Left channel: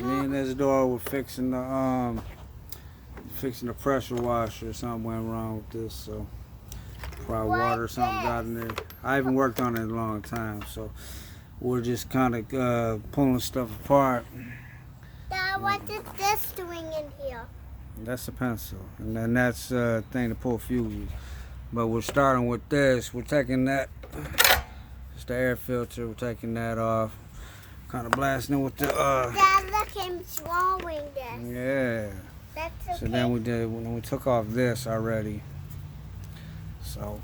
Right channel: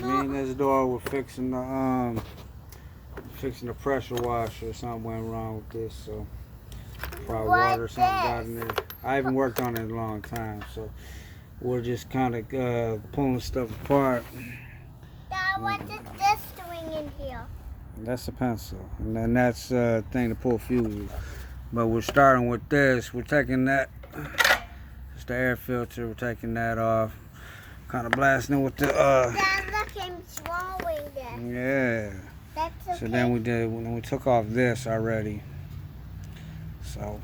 Me and Isadora were fixing the pressure washer. Something went wrong with this, so probably water or something got in there. I haven't worked on it in a long time, so we're just kind of pulling stuff apart. Dad, what is this doing in here? That's a pencil, and then that's a thing to pull fuses. But we're starting with this. We're taking that. It's the air filter. We're taking that off. Kind of blasting it with the. Dad, look, I'm drawing this. Yeah. That's okay. So then we took off this already. So,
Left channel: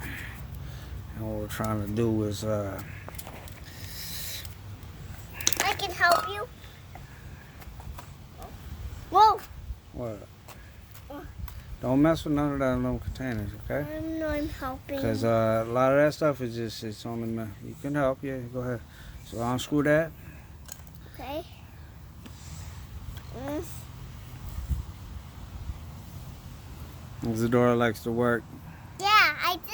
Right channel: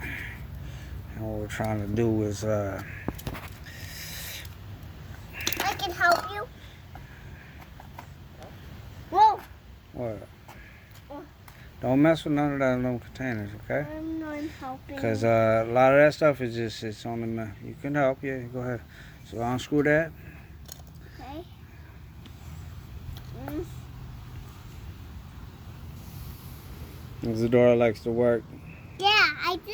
and what we're trying to do is I can help you. Whoa. What? Don't mess with none of that in them containers, okay? I'm helping. Because a lot of that stuff is just, it's only, you can help, yeah, go ahead. So unscrew that. Okay. Isadora likes to work. Yeah, I do.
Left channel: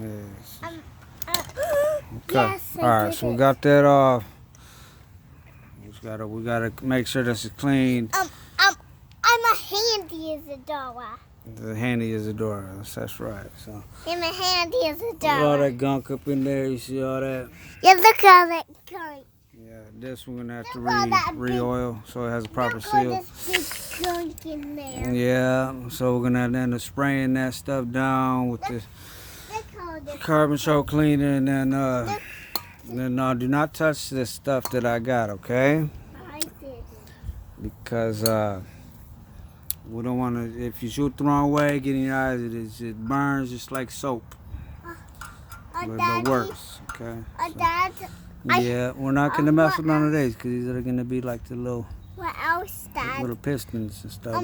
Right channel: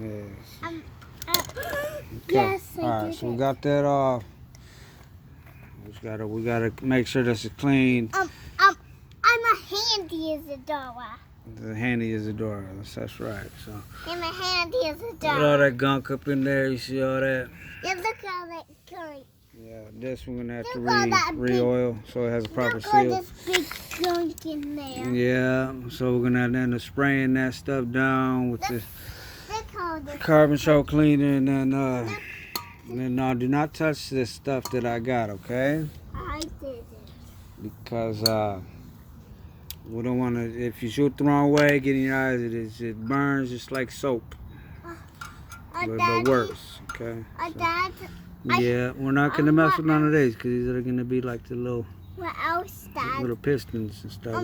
Yes. Okay. Yes, I Alright, so we got that off. We gotta make sure this is clean. I'm a handy Isadora. The handy Isadora, that's right. So I'm a handy Isadora. look at all that gunk up in there, you see all that? Yeah, look at all that gunk. Yeah, this we're gonna have to Look at that re-oil so it has a proper Look at seal. this big gunk in there. Yeah, so we're gonna end up spraying that stuff down with the Look how this carbon choke cleaner, and then do not touch this stuff that I got, okay? I did it. Because we don't want to. If you shoot the wrong way, get in your eyes, it burns just like soap, but worse, okay? Dad, Yeah, we're not gonna mess with none of these because these are gonna be like the little what pistons and stuff.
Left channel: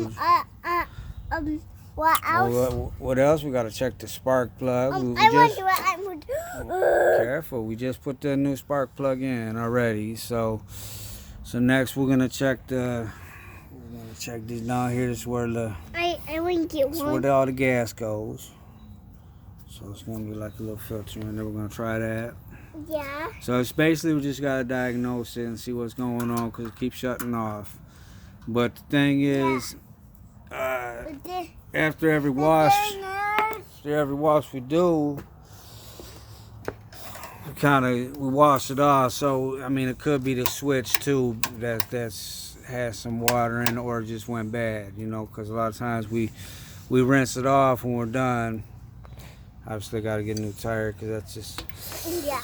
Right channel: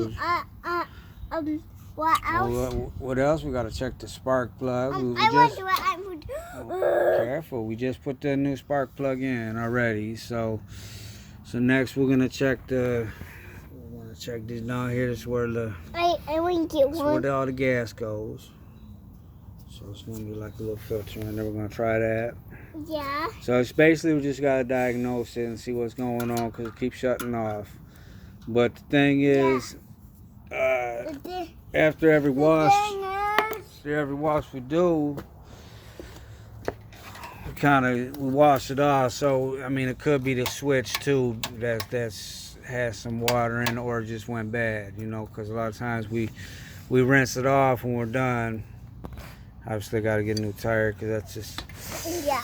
What else? What else? We gotta check the spark plug. Careful. We just put the new spark plug in already. So next we're gonna check this down here. This is where I want to get one. where all the gas goes. So it's gonna be like a little filter, and then we're gonna try that. Yeah. So it's basically we just gotta diagnose it and see what's going on because it keeps shutting off. But the thing is, after every wash we do, we wash it off. So I mean, it could be the switch too that's has some water in it or it just went bad, you know, because a lot of times we rinse it off when we're done. Obviously, got to get a new tire because that's just. Yeah.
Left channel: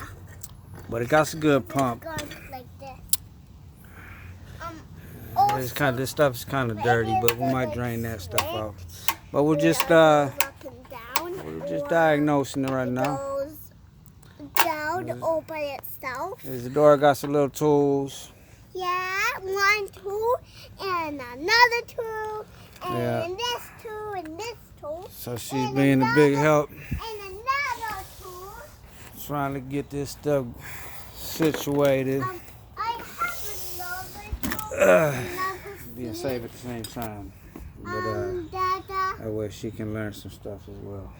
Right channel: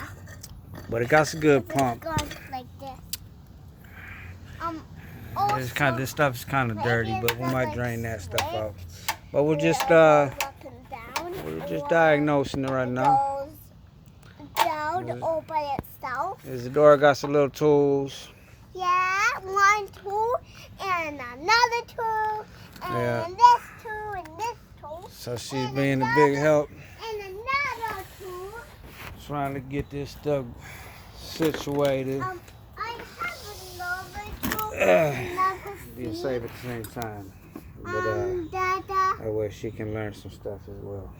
But it got some good pump. Like this. This stuff's kind of dirty, but we might drain that stuff out. But we're just diagnosing it right now. Down all by itself. Isadora got some little tools. Yeah, one tool and another tool and this tool and this tool. So she's being a big help. And another tool. Trying to get this stuff situated. I have another tool. Being safe at the same time. But that way she can learn some stuff as well.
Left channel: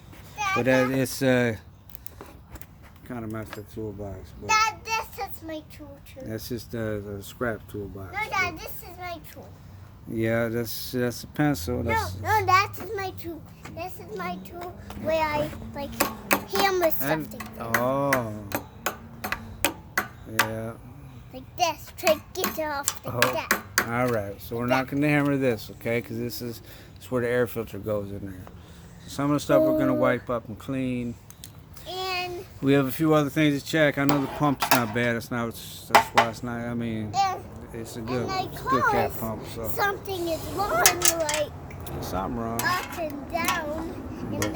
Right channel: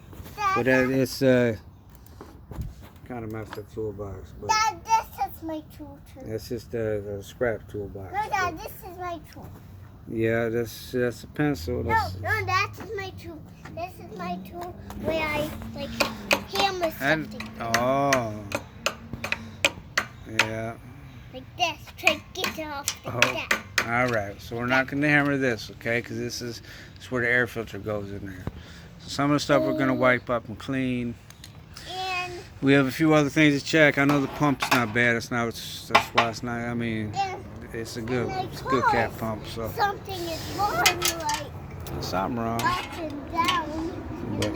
But it's kind of messed up toolbox. But Dad, this is my tool too. that's just a scrap toolbox. No, Dad, this is my tool. Yeah, that's a pencil. No, that's my tool. This is my tool where I hammer something. Oh. Yeah. Like this. Try to get it off like that. All right. So we're not going to hammer this, okay? Because this is where the air filter goes in there. So some of the stuff we're going to wipe up and clean. And We have a few other things to check. I know the pump's not bad. That's why it's not. I mean, it's a good cat pump. So something is wrong, like something wrong. up and down, and this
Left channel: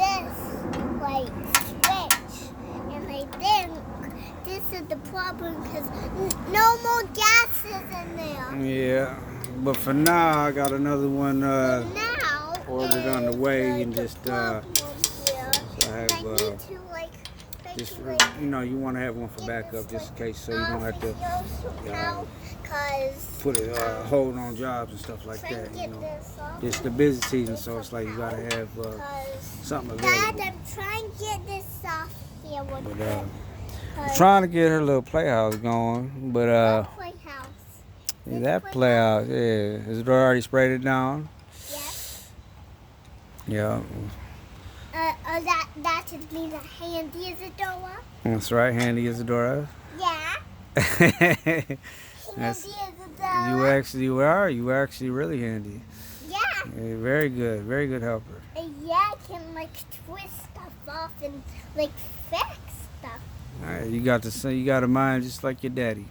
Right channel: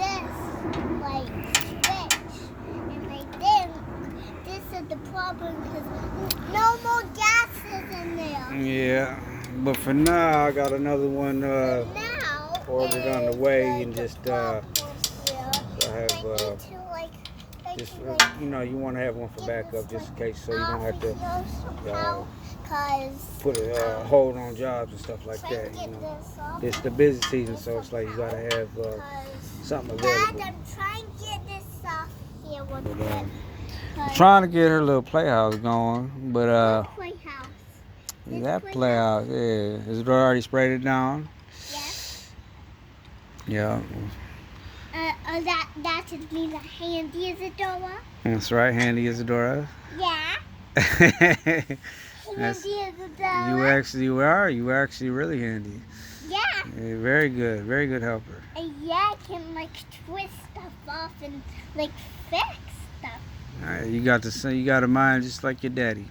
like switch, and I think this is the problem because no more gases in there. Yeah, but for now I got another one Now ordered on the way, and just you know, you want to have one for backup just in case, so you don't have to put a hold on jobs and stuff like that. You know, it's the busy season, so it's like you gotta have something available. Dad, I'm trying to get this off here. I'm trying to get her little playhouse going, but Playhouse. That play out, yeah. Has it already sprayed it down? Yes. Yeah. That should be the handy as a door. That's right, handy as a door. Yeah. That's, Handy as a door. you actually really handy. Yeah. Yeah, very good helper. Yeah, I can like twist stuff off and like fix stuff. All right, you got a mind just like your daddy.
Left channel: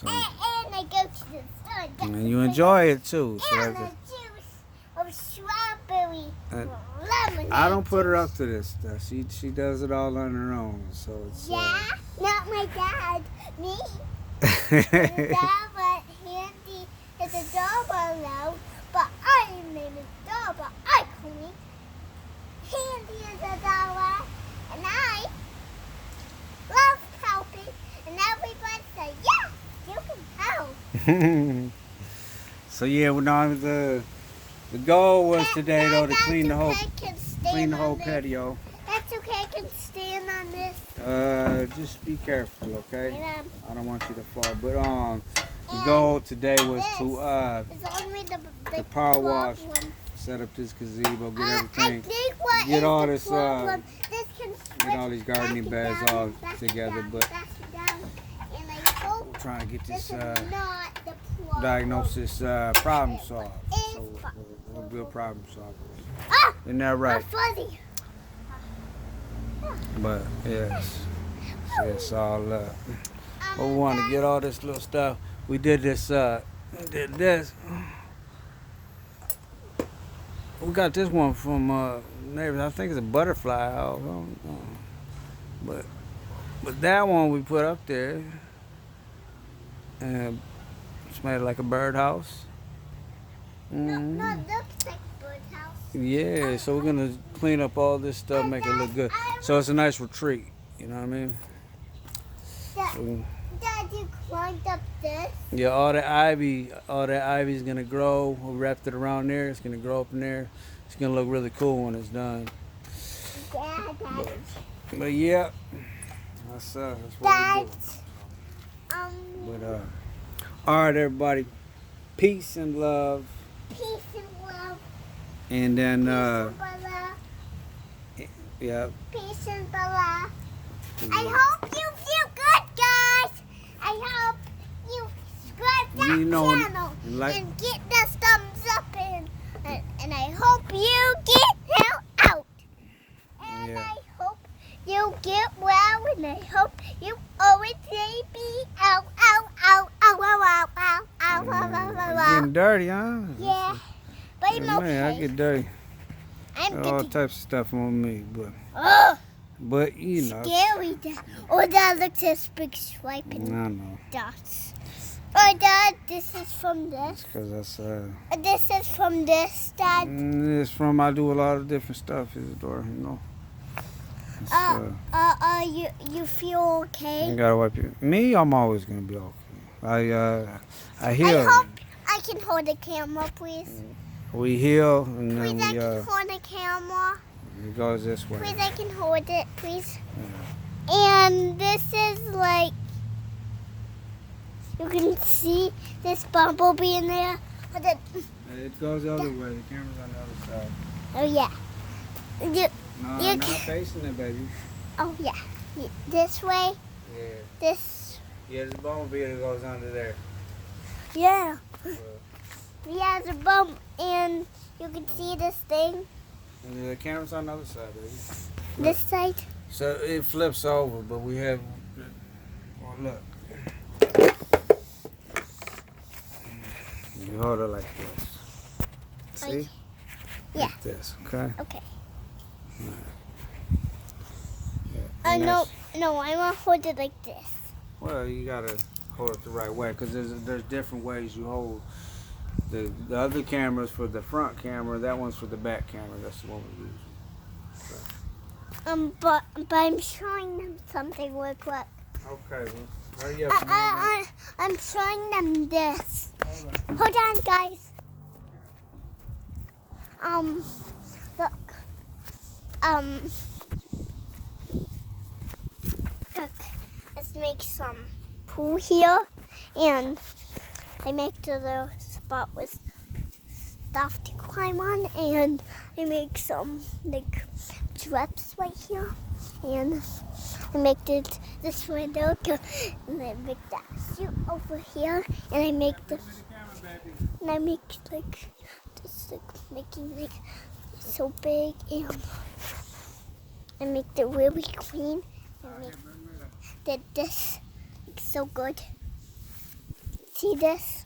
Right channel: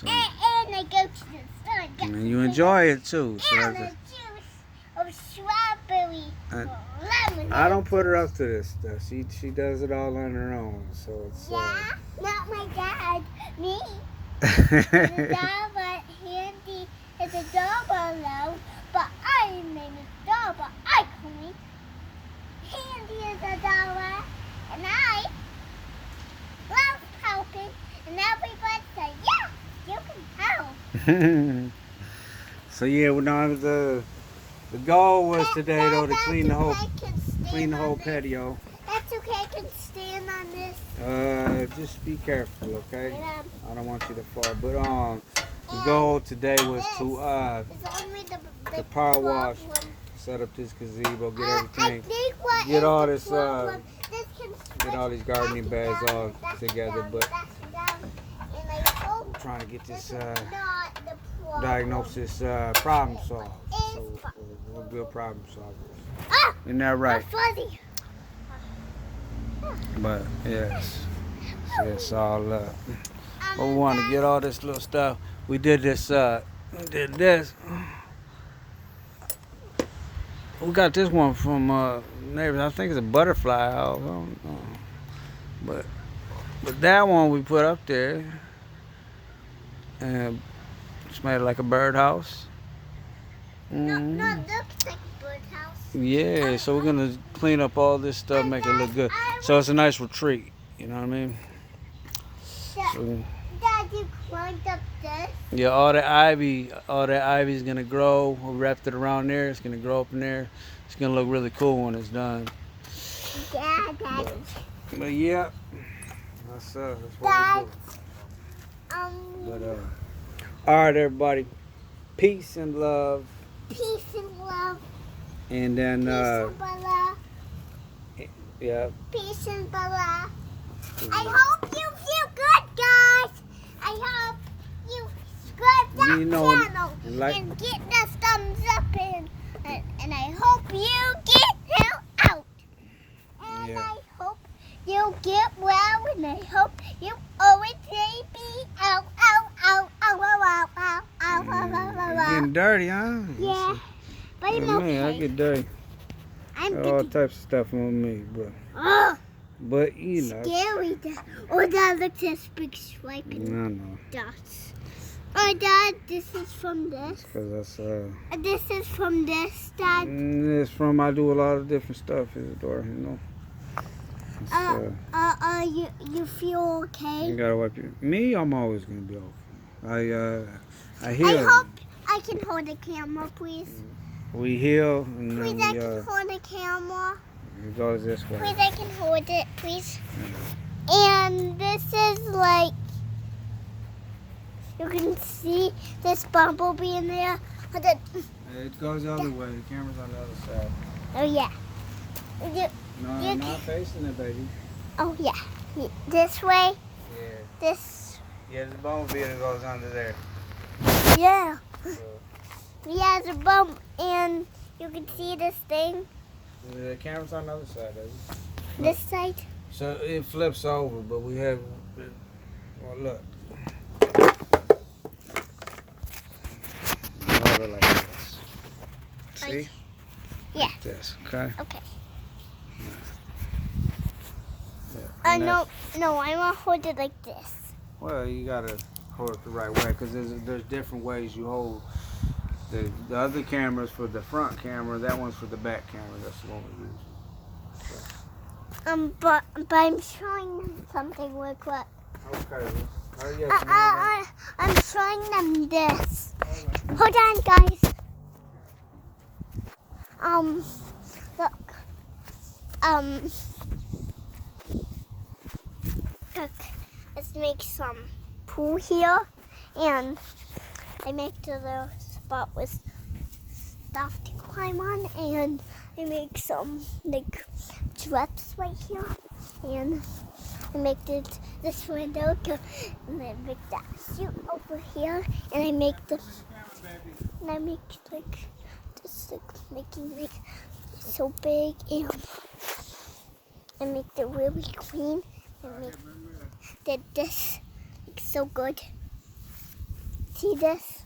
So, And I go to the store. and you enjoy it too. So And that's a juice of strawberry or lemon. I don't put her up to this stuff. She does it all on her own. So it's Yeah, not my dad. Me. The dog was handy as a doorbell now, but I made a doorbell. I couldn't. Handy as a doorbell, and I love helping. And everybody say, yeah, you can help. So yeah, well, now the goal was today though to That's clean the whole okay, I can stand on this. patio. That's okay, I can stand on this. Just be careful, okay? And, I don't want you to fall. But the goal today was to it's only the power wash, problem. set up this gazebo, get I everything, think what get is all the this, problem, this can get all these gardening switch bags back and all down, together. back But and down, and I hope I'm trying to get this this is not the problem. diagnosis problem solved. It's So we'll do a problem solver. Ah, Isn't that right? that's funny. But yes, it's all up. But we want to get all this little stuff. We did this. Did this. We got this one from neighbors. I think it's a butterfly house. I don't know. But that one we put up there, and it's made like a birdhouse. No, looks like birdhouse. Yeah, so we're gonna clean up all this stuff, make it look good. So it's a nice retreat. You know what I mean? So, Dad, you climbed up this. yeah, all that ivy's gonna grow. We wrapped it around there. It's gonna grow up in there. It's gonna look really cool when it's done. Dad, But yeah, that's what Dad, we do. But all right, everybody, peace and love, peace and love. and then Peace and Bella. yeah. Peace and Bella. I hope you feel good, guys. I hope you subscribe to You know, that channel like- and get this thumbs up in. And I hope you get hell out. And Yeah. I hope you get well. And I hope you always say be out, out, out, out, out, out, out, out, out, out, It's out. getting dirty, huh? Yeah. But I'm Man, I okay. get dirty. I'm All getting types of stuff on me, oh, but you know, scary. Oh, Dad, look at this big stripe I and know. dots. Oh, Dad, this is from this. Because that's This is from this, Dad. it's from I do a lot of different stuff, Isidore. You know. It's, You feel okay? you gotta wipe your. Me, I'm always gonna be okay. I heal. I hope I can hold the camera, please. We heal, and Please, then I we can hold the camera. it goes this way. Please, I can hold it, please. Yeah. And this is like, you can see this bumblebee in there. But Yeah, it goes the other way. The camera's on the other side. oh, yeah. No, You not ca- facing it, baby. Oh, yeah. This way, Yeah. this. Yeah, there's a bumblebee that goes under there. Yeah. Yeah. Yeah, the bump, and you can see this thing, And the camera's on the other side, baby. this side. So it flips over, but we have. Well, look. You hold it like this. See? Yeah. Like this, okay? Okay. Yeah. I and know. that's- No, I want to hold it like this. Well, you gotta hold it the right way because there's different ways you hold. The other camera's for the front camera. That one's for the back camera. That's the one we use. But I'm showing them something real quick. Okay, well, hurry up. I'm showing them this. All right. Hold on, guys. Look. Look. Let's make some pool here, and I make the little spot with stuff to climb on, and I make some like traps right here, and I make this window, and I make that chute over here, and I make like just like making like so big, and I make it really clean, and did this like so good. See this?